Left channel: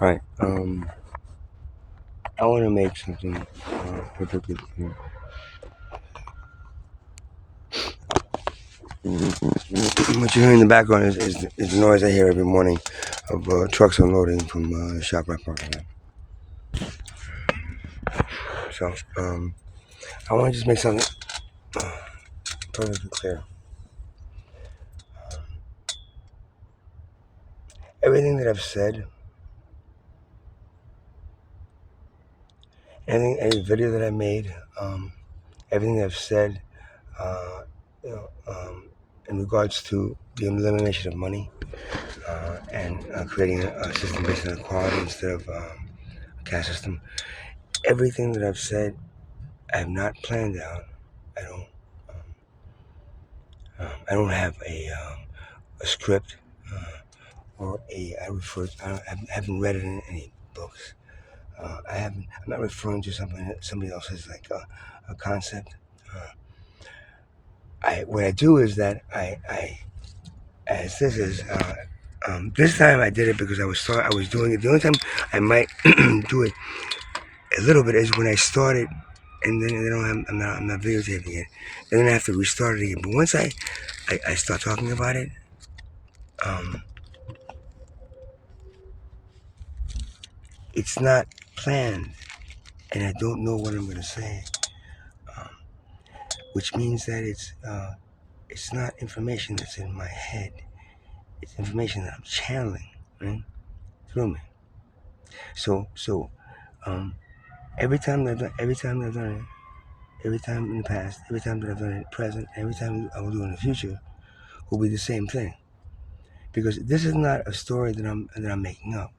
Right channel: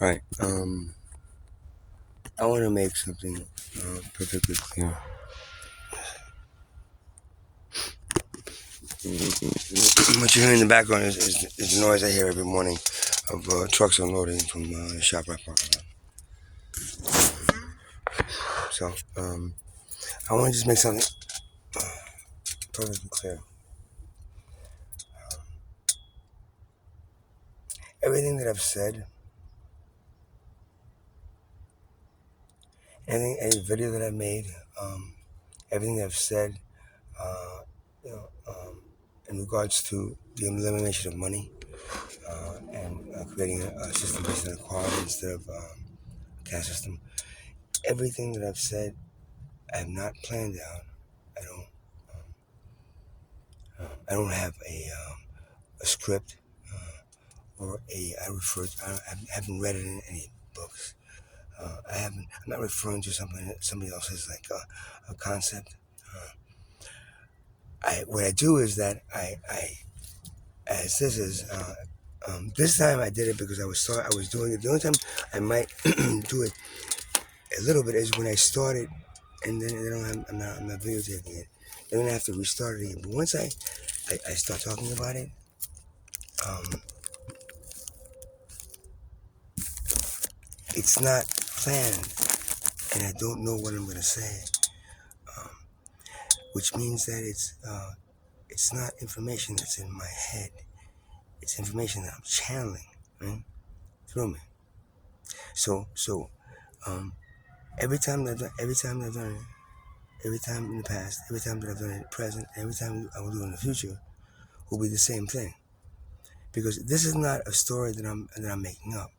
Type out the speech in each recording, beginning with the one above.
Right. I want to make something perfectly clear. What you hear in the background is the noise I hear every morning of trucks unloading from the ShopRite parking lot. So, I want to just make something perfectly clear. Everything that I've said, any video that I made, everything that I've said, uh, you know, in regards to the elimination of money and creating a system based on equality instead of a caste system. Everything that I've said, I have not planned out. I don't. I don't have a script or a. I refer. I haven't read it in any books. I haven't. I'm not referring to somebody else's like a concept. What I do is that I as this is this time I did it because I was doing it. The only time I might do it a little bit is when I started, and then I'm not videotaping it, and then I have to restart it again. But once I start talking about it, um, it's not planned, and I don't know what I'm gonna say, um, which means that it's not information that's in my head. It's information that I'm channeling, right, through me. So um, every time that I've done it, every time in the past, every time that I've done it present, every time I will do it in the future, will be the same thing. Because this is not a story that I'm making up.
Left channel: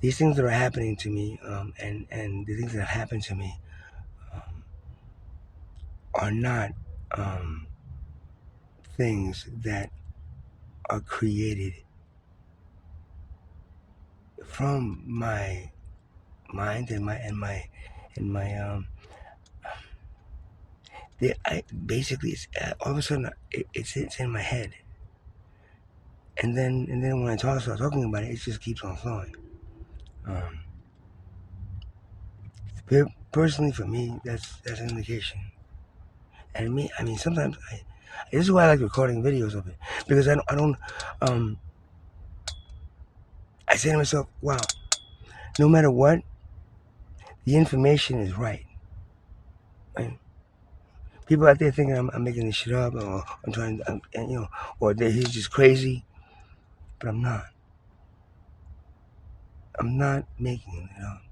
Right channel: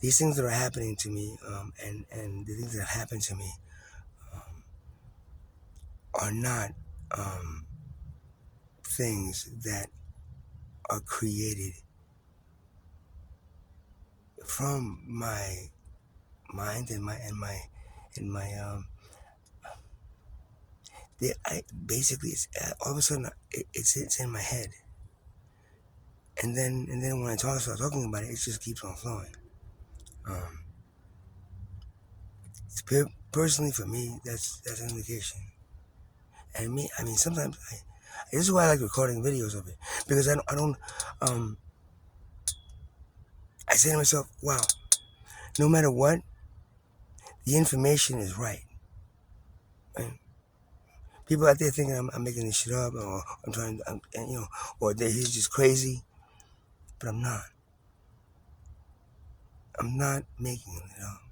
These things that are happening to me, and the things that have happened to me, are not um, things that are created from my mind and my. Basically it's all of a sudden it's in my head, and then when I start talking about it, it just keeps on flowing. Um, Personally, for me, that's an indication. And me, I mean, sometimes this is why I like recording videos of it, because I don't I say to myself, wow, no matter what, the information is right. Right? People out there thinking I'm making this shit up, or I'm trying, and, or that he's just crazy, but I'm not. I'm not making it up.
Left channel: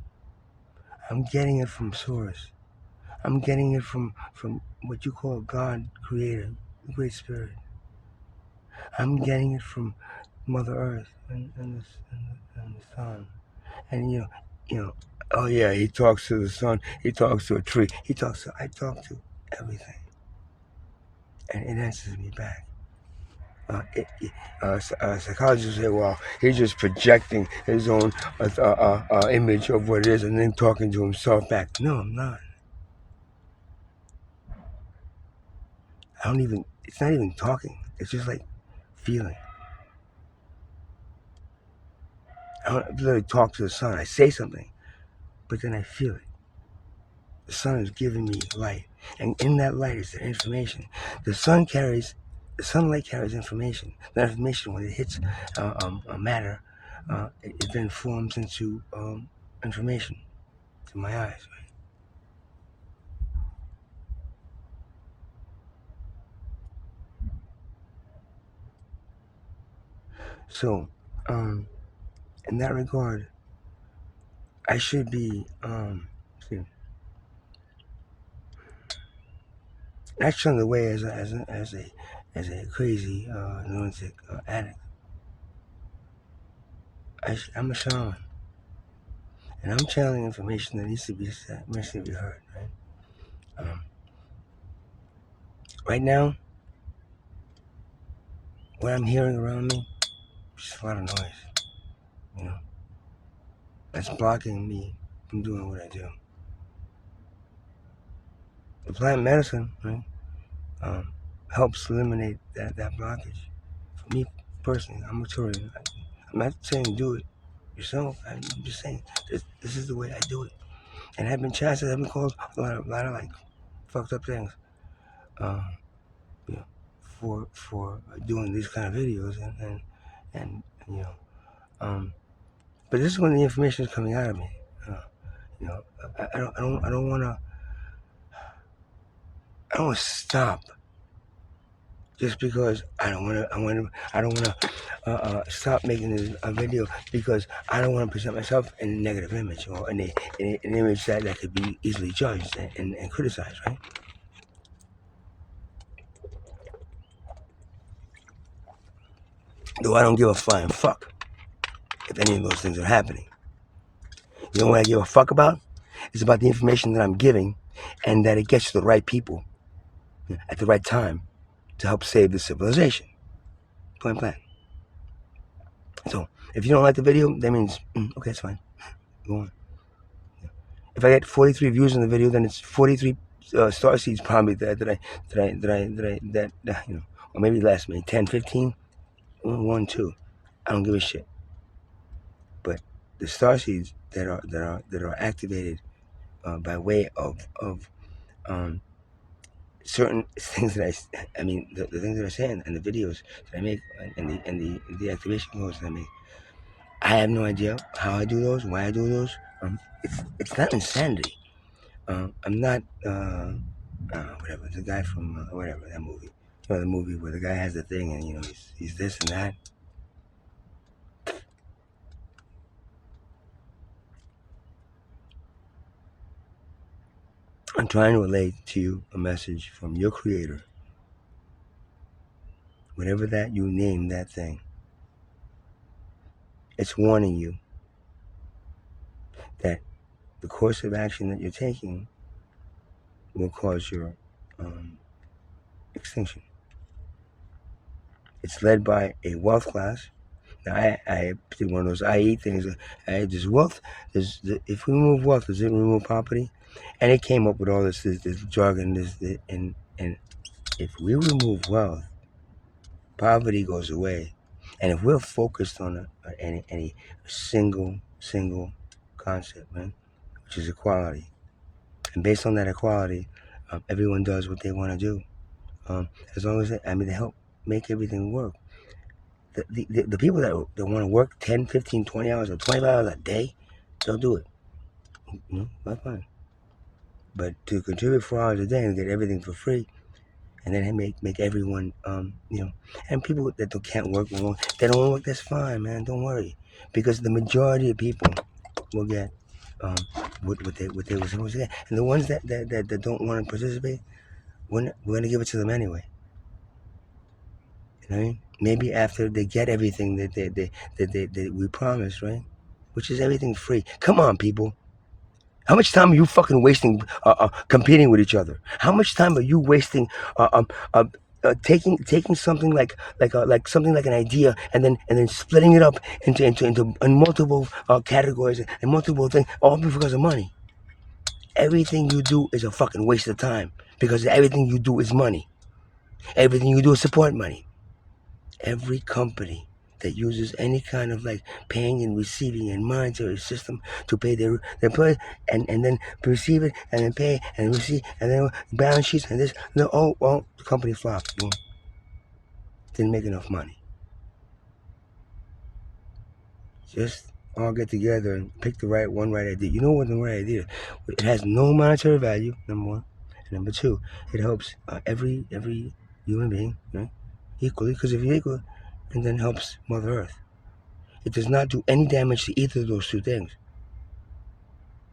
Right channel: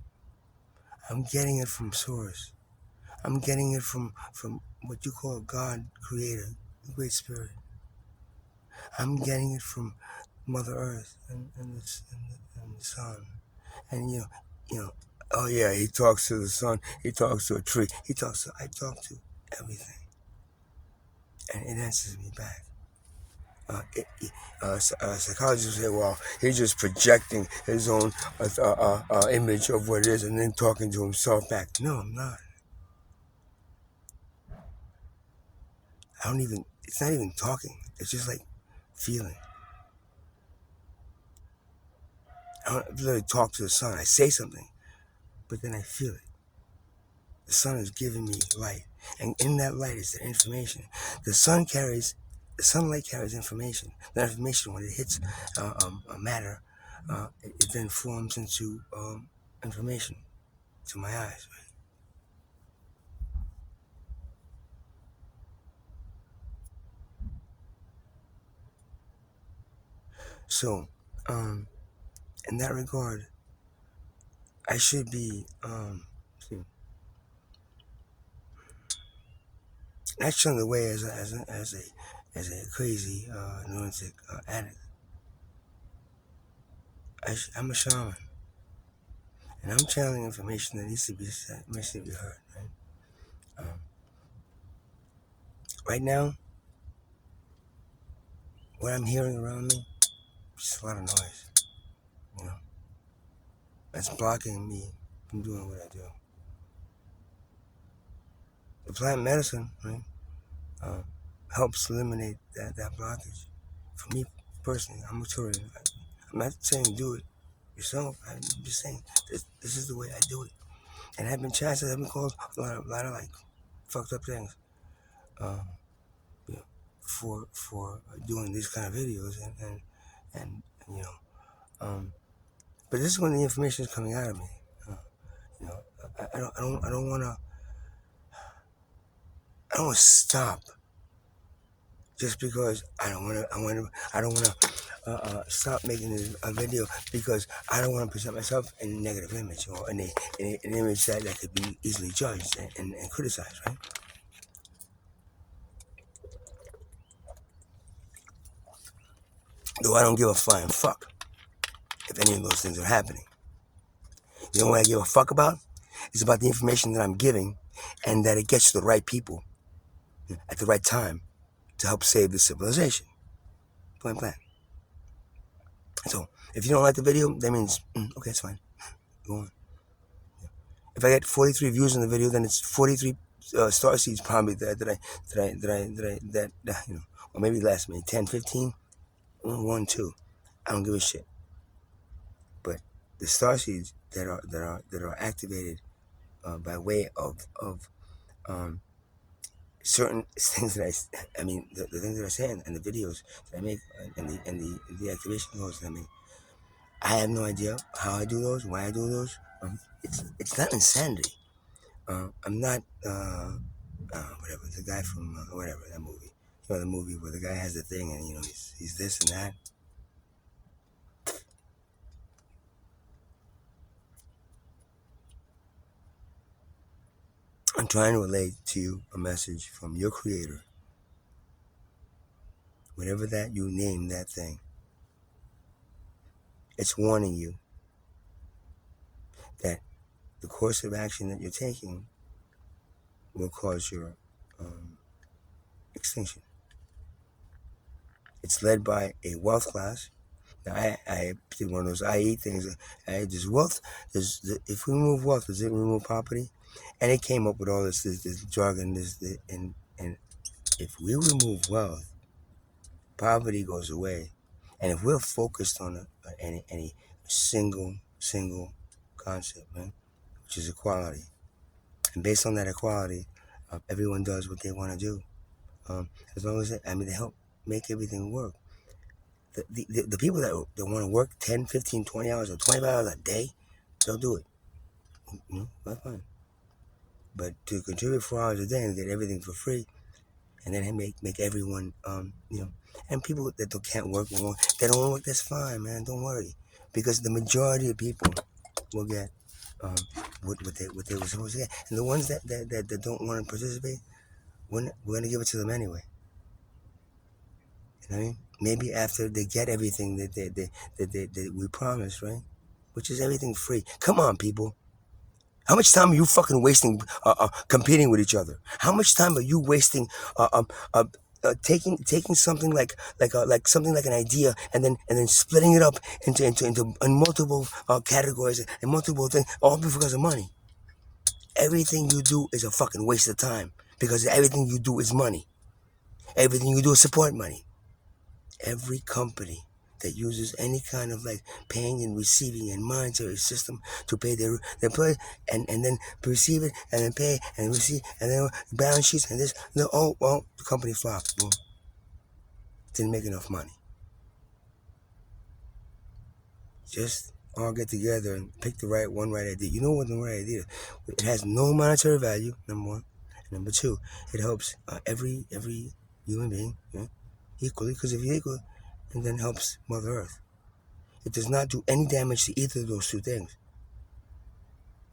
I'm getting it from source. I'm getting it from what you call God, Creator, the Great Spirit. I'm getting it from Mother Earth and the Sun. And you know, oh yeah, he talks to the sun. He talks to a tree. I talk to everything, and it answers me back. Psychologists say, well, he's just projecting his own image of what it is and then talking to himself back. No, I'm not. I don't even, it's not even talking. It's just like feeling. I don't literally talk to the sun. I say something, but then I feel it. The sun is giving me light. And in that light is the information. The sunlight carries information. That information, when it hits matter, it then forms into information to my eyes. Right? So, in that regard, I should be not shown the way as a crazy lunatic addict. I'm a shaman, and I'm channeling information that needs to be said, needs to be heard. Right, right now, what I'm hearing around me is just a lot of noise. You know, that's blocking me from doing what I do. The plant medicine, right, um, helps eliminate that blockage. For me personally, I'm a Taurian. I'm not saying do it. yourself. I'm just saying, this is the way I do it. And I've been chances, I've been called a lot of like fucked up things, um, you know, for doing these kind of videos and you know, but this is when the information is coming out of me. Uh, you know, I don't wanna stop just because I don't wanna stop making a video because I don't wanna present myself in a negative image or in an image that could be easily judged and criticized, right? Though I don't give a flying fuck if any of those things are happening. You know what I give a fuck about? It's about the information that I'm giving and that it gets to the right people at the right time to help save the civilization. Point blank. So, if you don't like the video, that means, okay, it's fine. Go on. If I get 43 views on the video, then it's 43 star seeds probably that you know, or maybe less, maybe 10, 15, 1, 2. I don't give a shit. But the star seeds that are activated by way of certain things that I mean, the things that I say in the videos that I make and the activation codes that I make. I have no idea how I do those, why I do those. It's not insanity. I'm not whatever, the guy from whatever, that movie. You know, the movie where the guy has the thing and you know he's this and that. I'm trying to relate to you a message from your creator, whatever that you name that thing. It's warning you that the course of action that you're taking will cause your extinction. It's led by a wealth class. Now, I did one of those IE things. There's wealth. If we remove wealth, does it remove property? And it came up with all this jargon. And if we remove wealth, poverty goes away. And if we're focused on any single concept, right, which is equality, and based on that equality, everyone does what they want to do. As long as they help make everything work. The people that want to work 10, 15, 20 hours or 25 hours a day, they'll do it. You know, that's fine. But to contribute 4 hours a day and get everything for free, and then make everyone, you know, and people that can't work, they don't want to work, that's fine, man, don't worry. Because the majority of people will get what they were supposed to get. And the ones that don't want to participate, we're going to give it to them anyway. You know what I mean? Maybe after they get everything that we promised, right? Which is everything free. Come on, people. How much time are you fucking wasting competing with each other? How much time are you wasting taking something like something like an idea and then splitting it up into multiple categories and multiple things, all because of money? Everything you do is a fucking waste of time because everything you do is money. Everything you do is support money. Every company that uses any kind of like paying and receiving and monetary system to pay their employees and then receive it and then pay and receive and then balance sheets and this, no, oh, well, the company flopped. Boom. Didn't make enough money. Just all get together and pick the right idea. You know what the right idea is? It has no monetary value, number one. And number two, it helps every human being, right, equally, because if you're equal, and then helps Mother Earth. It does not do any damage to either of those two things.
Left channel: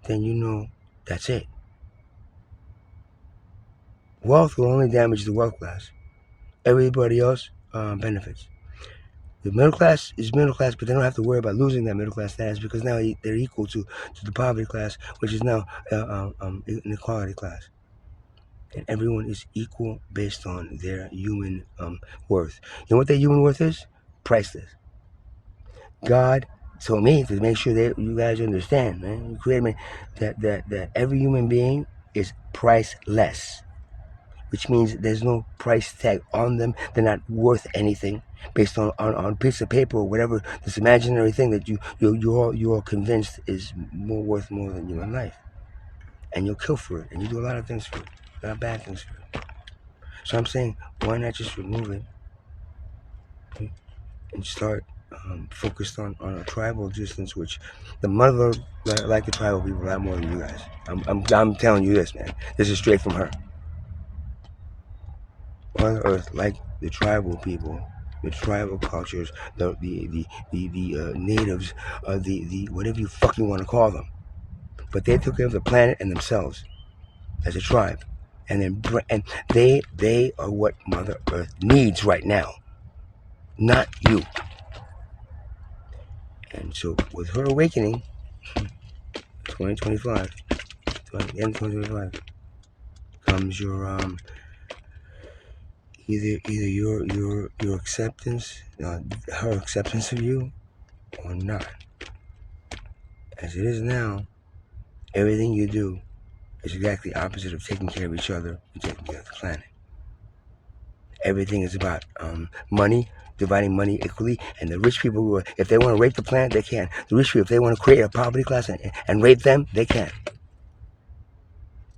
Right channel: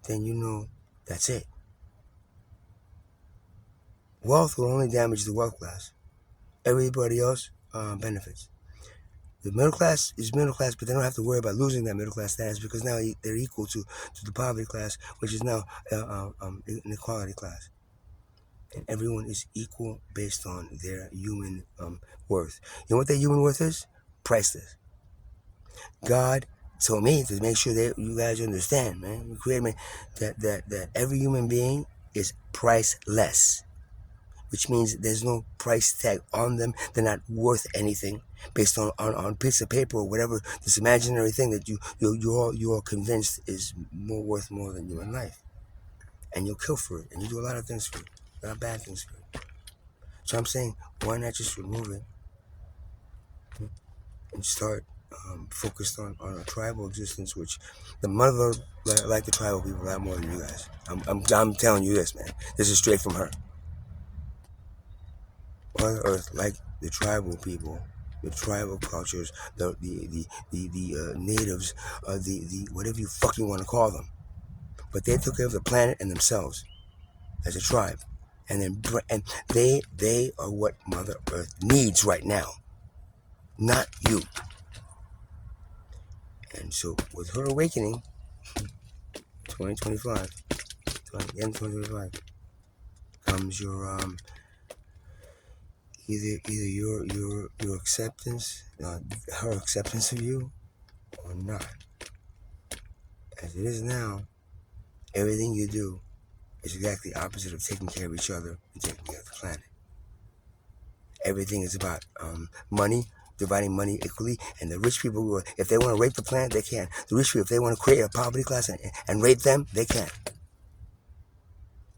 Then you know that's it. Wealth will only damage the wealth class. Everybody else benefits. The middle class is middle class, but they don't have to worry about losing that middle class status because now they're equal to the poverty class, which is now an equality class. And everyone is equal based on their human worth. You know what their human worth is? Priceless. God told me to make sure that you guys understand, man. You created me that every human being is priceless. which means there's no price tag on them. They're not worth anything based on a piece of paper or whatever, this imaginary thing that you're convinced is worth more than human life. And you'll kill for it, and you do a lot of things for it, a lot of bad things for it. So I'm saying, why not just remove it and start focused on a tribal existence, which the mother like the tribal people a lot more than you guys. I'm telling you this, man. This is straight from her. Mother Earth, like the tribal people, the tribal cultures, the natives, the whatever you fucking want to call them, but they took care of the planet and themselves as a tribe, and they are what Mother Earth needs right now, not you. And so with her awakening, 2025, the end of 2025, comes your either your acceptance, her acceptance of you, or not. As it is now, everything you do is exactly opposite of taking care of each other and taking care of the planet. Everything is about money, dividing money equally, and the rich people who if they want to rape the planet, they can. The rich people, if they want to create a poverty class and rape them, they can.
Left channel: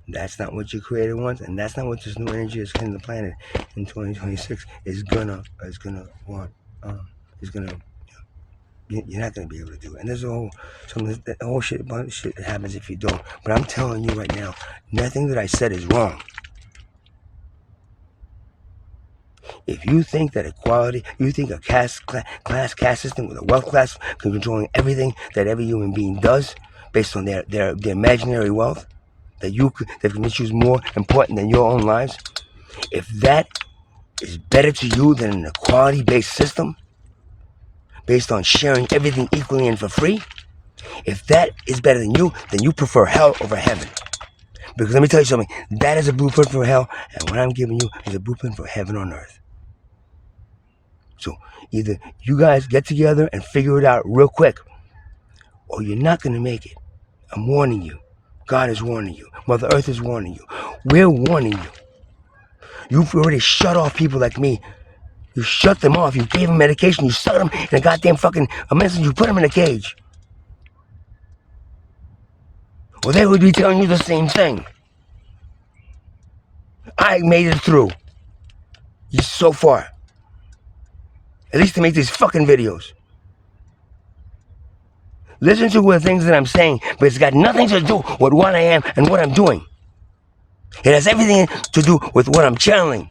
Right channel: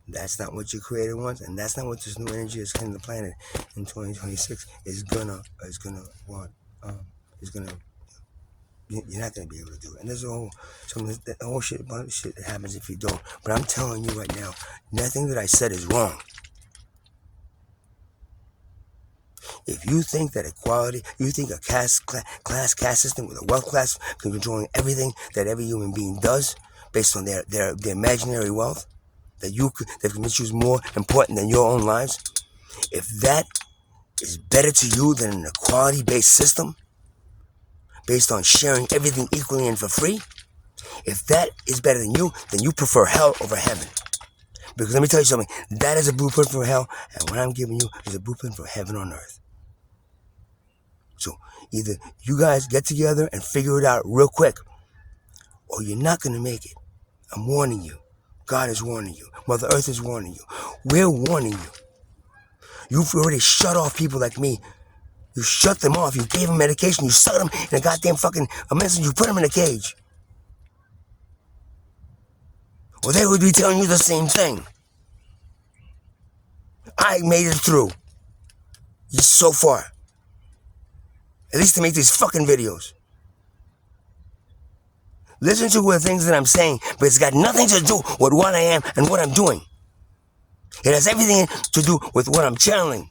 That's not what your creator wants, and that's not what this new energy that's hitting the planet in 2026 is gonna want. You're not gonna be able to do it. And there's a whole shit bunch of shit that happens if you don't. But I'm telling you right now, nothing that I said is wrong. If you think that equality, you think a caste system with a wealth class controlling everything that every human being does based on their imaginary wealth, that can choose more important than your own lives, if that is better to you than an equality-based system based on sharing everything equally and for free, if that is better than you, then you prefer hell over heaven. Because let me tell you something, that is a blueprint for hell, and what I'm giving you is a blueprint for heaven on earth. So either you guys get together and figure it out real quick, or you're not going to make it. I'm warning you. God is warning you. Mother Earth is warning you. We're warning you. You've already shut off people like me. You shut them off. You gave them medication. You stuck them in a goddamn fucking medicine. You put them in a cage. Well, they would be telling you the same thing. I made it through. So far. At least to make these fucking videos. Listen to the things that I'm saying, but it's got nothing to do with what I am and what I'm doing. It has everything to do with what I'm channeling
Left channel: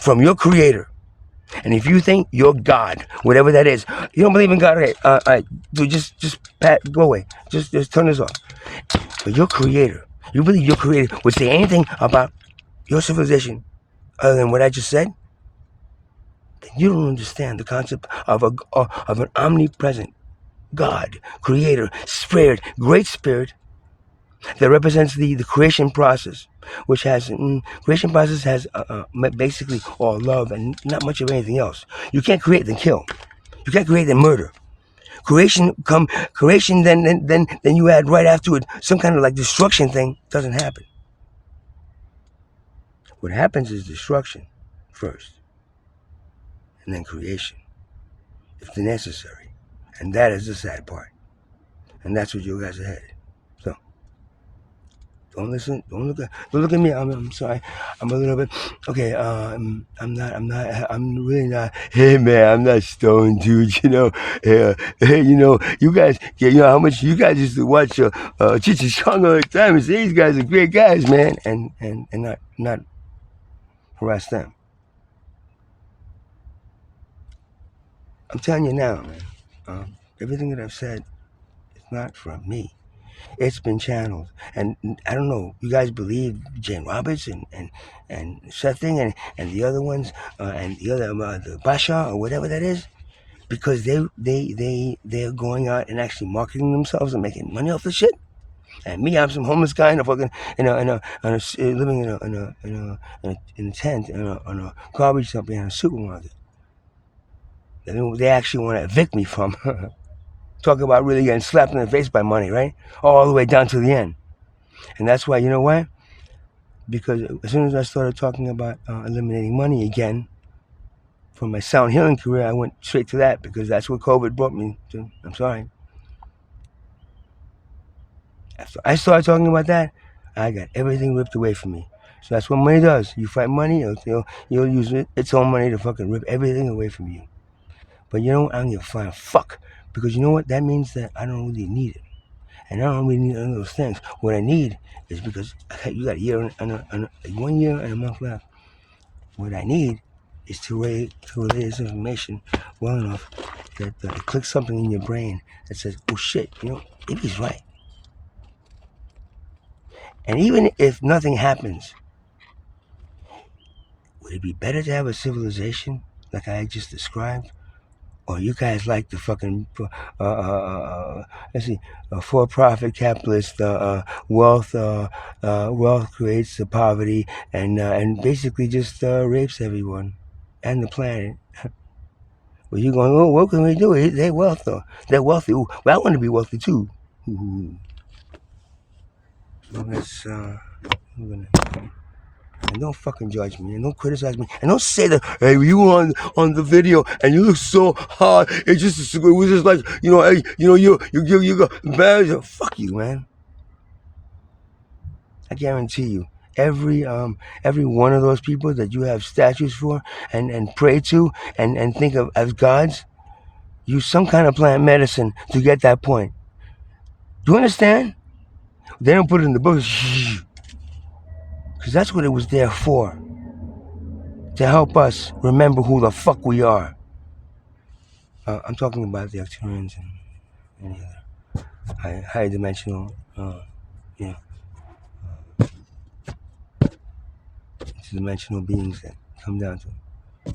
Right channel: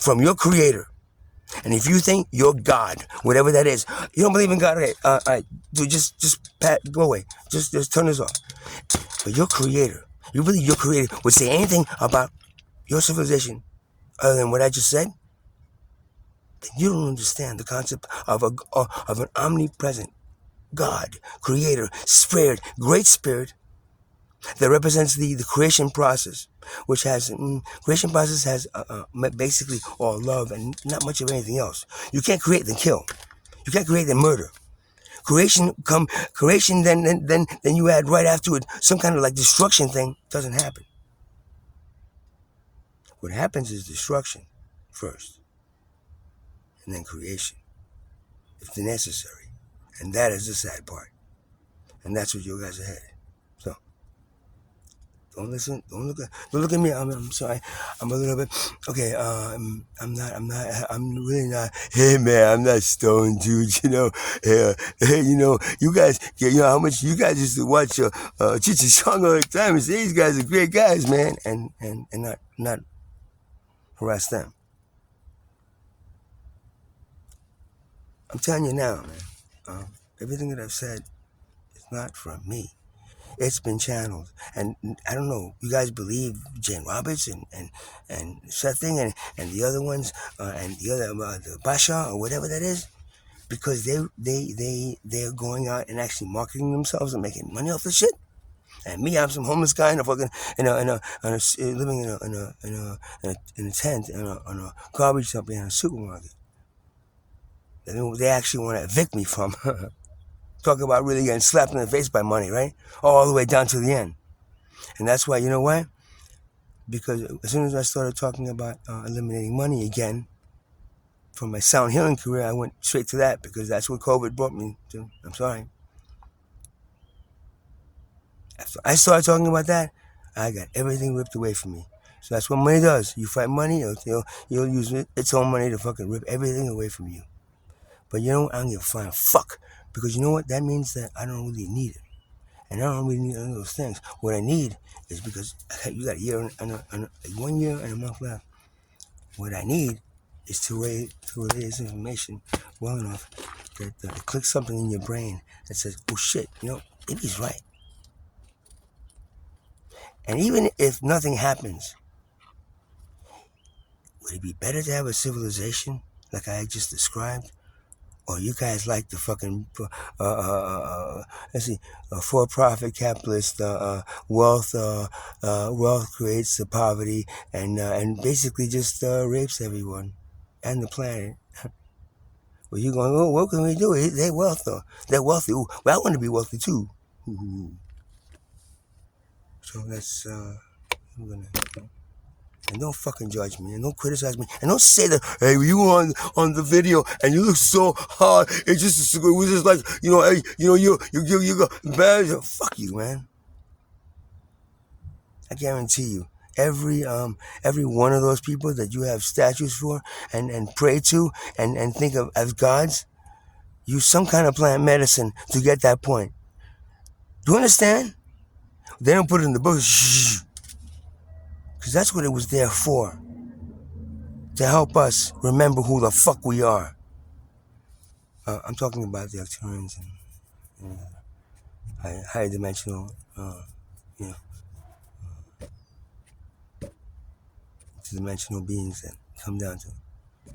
from your creator. And if you think you're God, whatever that is, you don't believe in God, okay, just go away. Just turn this off. But your creator, you believe your creator would say anything about your civilization other than what I just said? Then you don't understand the concept of an omnipresent God, creator, spirit, great spirit that represents the creation process, which has, creation process has basically all love and not much of anything else. You can't create then kill. You can't create then murder. Creation then you add right after it some kind of like destruction thing, doesn't happen. What happens is destruction first, and then creation, if necessary. And that is the sad part. And that's what you guys are headed. So, don't listen, don't look at me. I'm sorry. I'm a little bit, okay, I'm really not, hey man, I'm not stoned, dude, you know, you guys, how much you guys used to watch Chichi Chong all the time and say, these guys are great guys, man, and not harass them. I'm telling you now, man, everything that I've said is not from me. It's been channeled, and I don't know. You guys believe Jane Roberts and Seth Thing and the other ones and the other the Basha or whatever that is, because they're going out and actually marketing themselves and making money off the shit. And me, I'm some homeless guy in a fucking living in a tent in a garbage dump in a supermarket. They actually want to evict me from. Talk about really getting slapped in the face by money, right? All the way down to the end. And that's why, you know what? Because as soon as I started talking about eliminating money again from my sound healing career, I went straight to that because that's what COVID brought me to. I'm sorry. After I started talking about that, I got everything ripped away from me. So that's what money does. You fight money, you'll use its own money to fucking rip everything away from you. But you know what? I don't give a flying fuck. Because you know what? That means that I don't really need it. And I don't really need any of those things. What I need is because you got a year and 1 year and a month left. What I need is to relay this information well enough that it clicks something in your brain that says, oh shit, maybe he's right. And even if nothing happens, would it be better to have a civilization like I just described? Or you guys like the fucking, let's see, for-profit capitalist wealth creates the poverty and basically just rapes everyone and the planet. Well, you're going, oh, what can we do? They're wealthy. They're wealthy. Ooh, well, I want to be wealthy too. Ooh. So let's, I'm gonna. And don't fucking judge me, and don't criticize me, and don't say that, hey, you were on the video, and you look so hard, it was just like, hey, you got bad, fuck you, man. I guarantee you, every one of those people that you have statues for, and pray to, and think of as gods, use some kind of plant medicine to get that point. Do you understand? They don't put it in the books, because that's what it was there for. To help us remember who the fuck we are. I'm talking about the Arcturians and any other high dimensional, interdimensional beings that come down to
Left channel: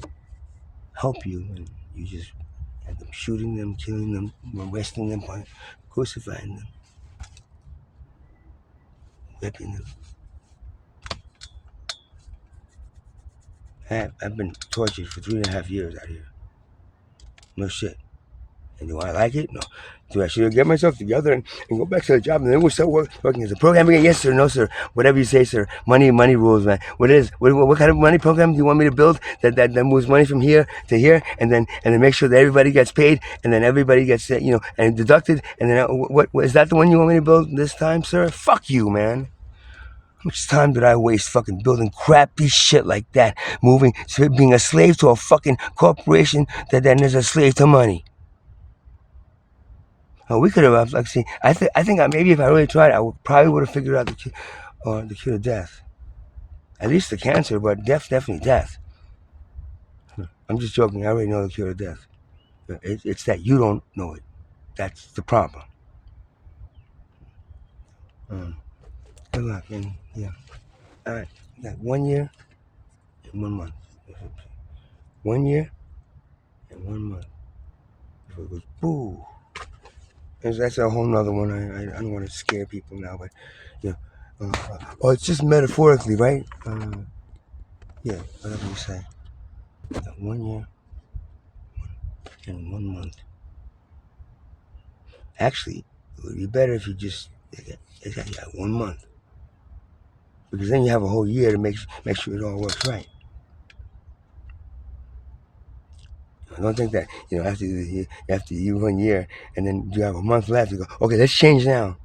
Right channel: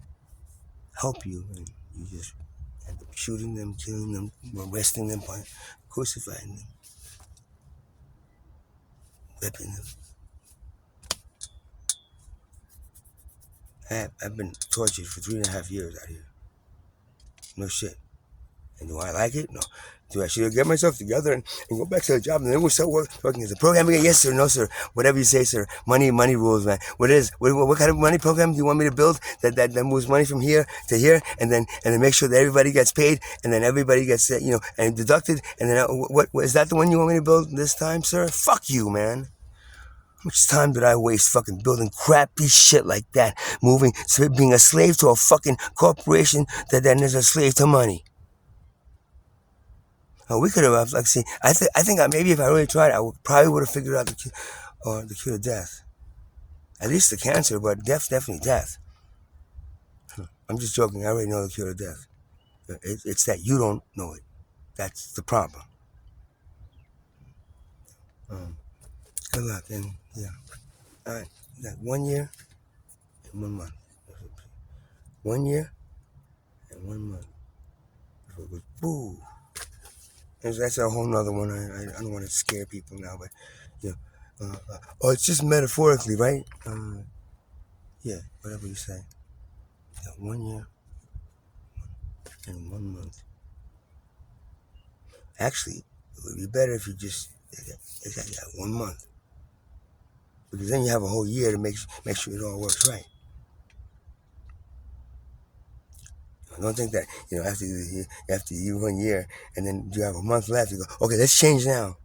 help you, and you just end up shooting them, killing them, arresting them, crucifying them, whipping them. I've been tortured for 3.5 years out here. No shit. And do I like it? No. Do I should get myself together and go back to the job and then we'll start working as a programmer again? Yes, sir. No, sir. Whatever you say, sir. Money rules, man. What kind of money program do you want me to build that moves money from here to here and then make sure that everybody gets paid and then everybody gets and deducted and then what is that the one you want me to build this time, sir? Fuck you, man. How much time did I waste fucking building crappy shit like that? Being a slave to a fucking corporation that then is a slave to money. We could have, like, see, I think maybe if I really tried, I probably would have figured out the cure to death. At least the cancer, but definitely death. I'm just joking. I already know the cure to death. It's that you don't know it. That's the problem. Good luck, and yeah. All right, you got 1 year and 1 month. 1 year and 1 month. If it goes, boo. That's a whole nother one. I don't want to scare people now, but it's just metaphorically, right? Yeah, whatever you say. 1 year and 1 month. Actually, it would be better if you just got 1 month, because then you have a whole year to make sure it all works right. Don't think that after you 1 year and then you have a month left, you go, okay, let's change now.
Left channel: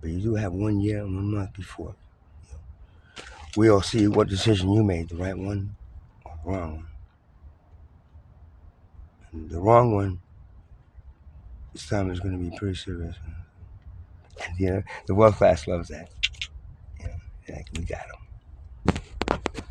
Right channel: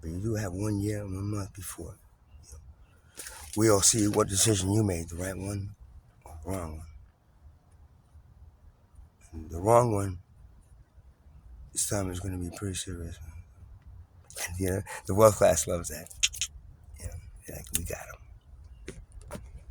But you do have 1 year and 1 month before. We'll see what decision you made, the right one or the wrong one. And the wrong one, this time is going to be pretty serious. And the world class loves that.